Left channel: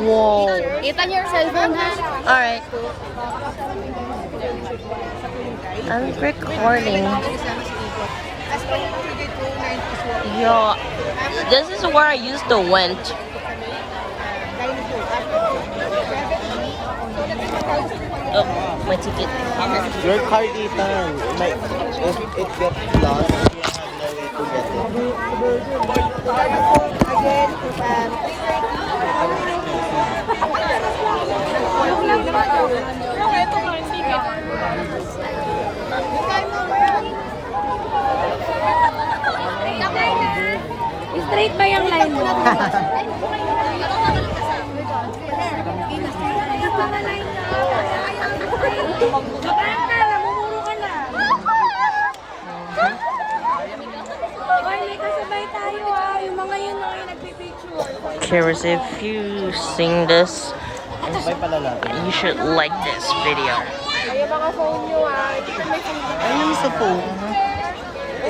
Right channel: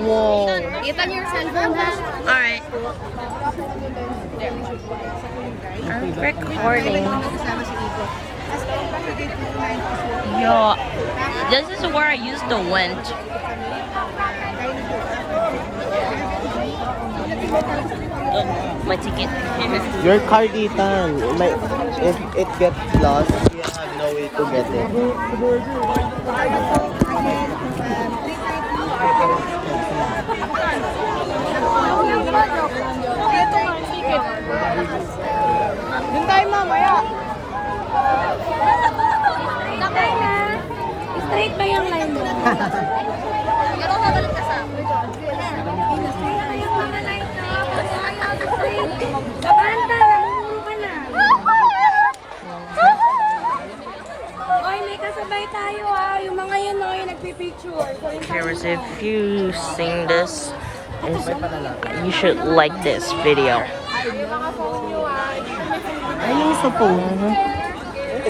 Whoa. Kita niyo yung cellphone, ha? Alright. I'm recording. Yeah, this is where I used to went. Look, my ticket. Your car dito, like, if it gets lost, you have no way to get it. Straight ba yung line mo? Cheers, if you sing this, you should like this video.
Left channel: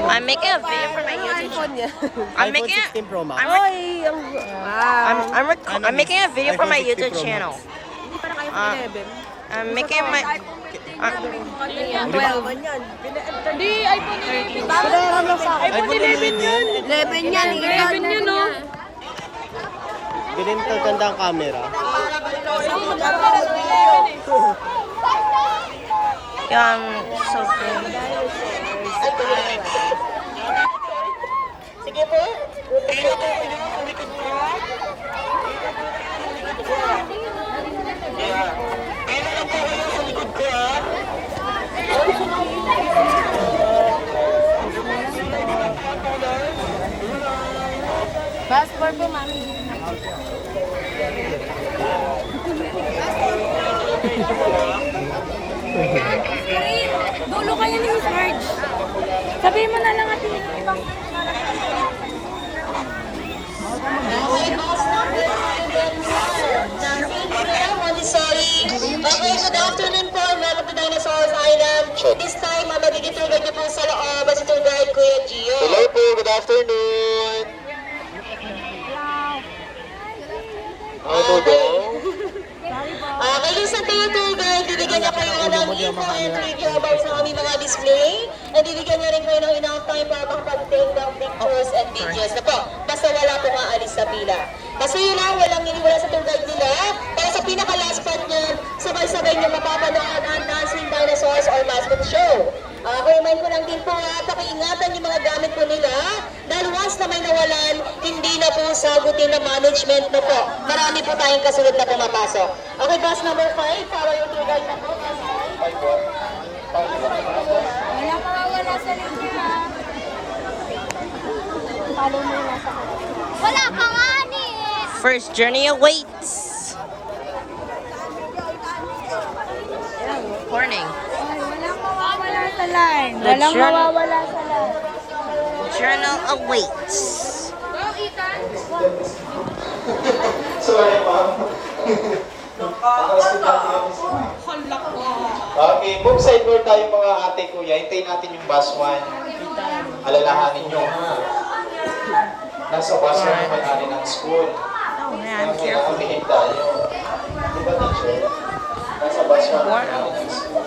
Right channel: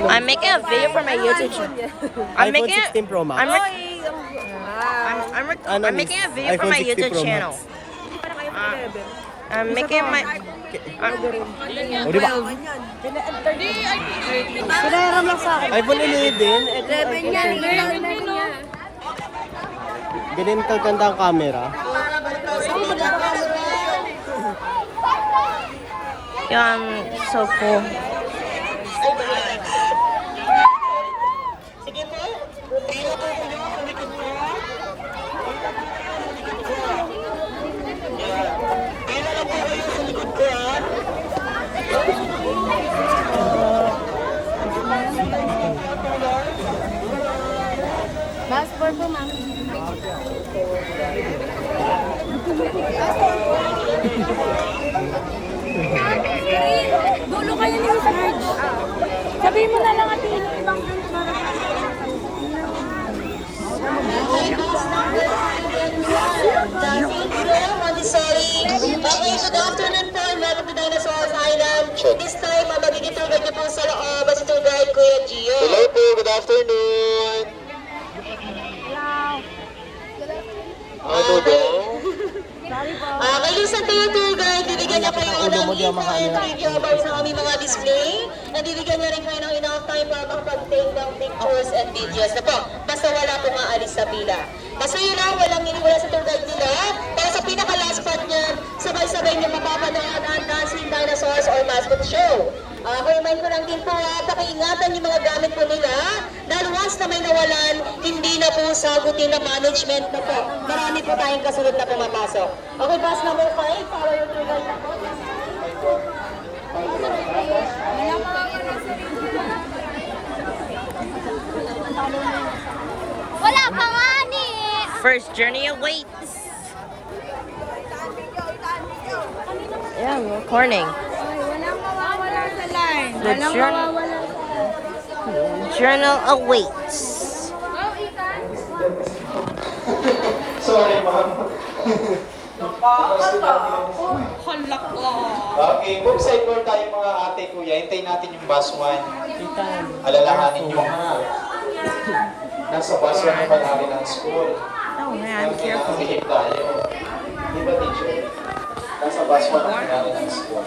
I'm making a video for my YouTube channel. I'm making I'm making a video for my YouTube channel. I'm making my Ganun tatanda ang camera. Yeah, I'm so cool. Sige po. Kaya po kayo sa likod ko. Kaya lang po kayo sa likod ko, ha? Passport po, mami. Dulo kayo ni Miss Marge. Sabihin mo na lang at Montessori. Okay, good afternoon po. Welcome to Dinosaurs Island. This time, magiging tour guide niyo po sa loob si tour guide Kuya Gio. Hello po, good afternoon. Ano daw? Kay Lisa Tour Guide, bibigyan niya kayo ng info and trivia about sa aming mga display. At bibigyan niya rin kayo ng enough time para makapag-take ng pictures and videos na po. Basta wala pong aalis sa pila. Basta yun lang, walang iniwala sa tour guide nila. Para sa pinaka-last part niyan, sabay-sabay niyo mapapanood ang Dancing Dinosaurs or Mascot Show. Remind ko lang din po pakiingatan yung mga gamit po nila dahil once na may nawalan, hindi na po sagutin ng management na po. Marami po tayong kasunod na pumapasok. Okay, bus number 5, para yung tour guide na po. wala mawawala sa linya. Wala pa nga ni. First journey awaits. Morning. Wala mawawala sa line. The journal awaits. Sorry, ma'am. Okay, book side door tayo mga ate kuya. Hintayin natin yung bus 1. Alalahanin nyo, ha? Nasa bus 1 naman natin ang school. Oh man, I'm careful. Nakakilig tayo. Di ba, teacher? Nasa bus 1 naman natin ang school.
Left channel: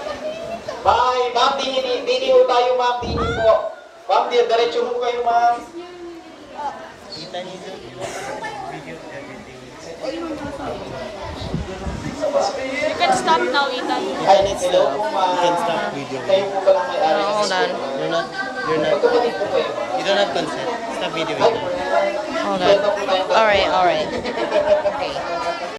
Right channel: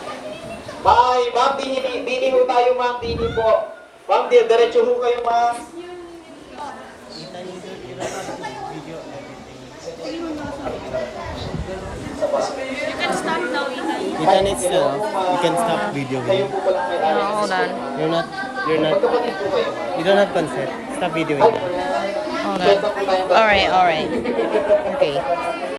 Bye! Ma'am, dini ho tayo, ma'am. Dini po. Ma'am, diretso ho kayo, ma'am. You can stop now, Ethan. Hello po, ma'am. Kayo po palang may-ari ng Hold on. school. Magkapatid po kayo, ma'am. You don't have consent. Stop video. Hold on. Alright. Okay.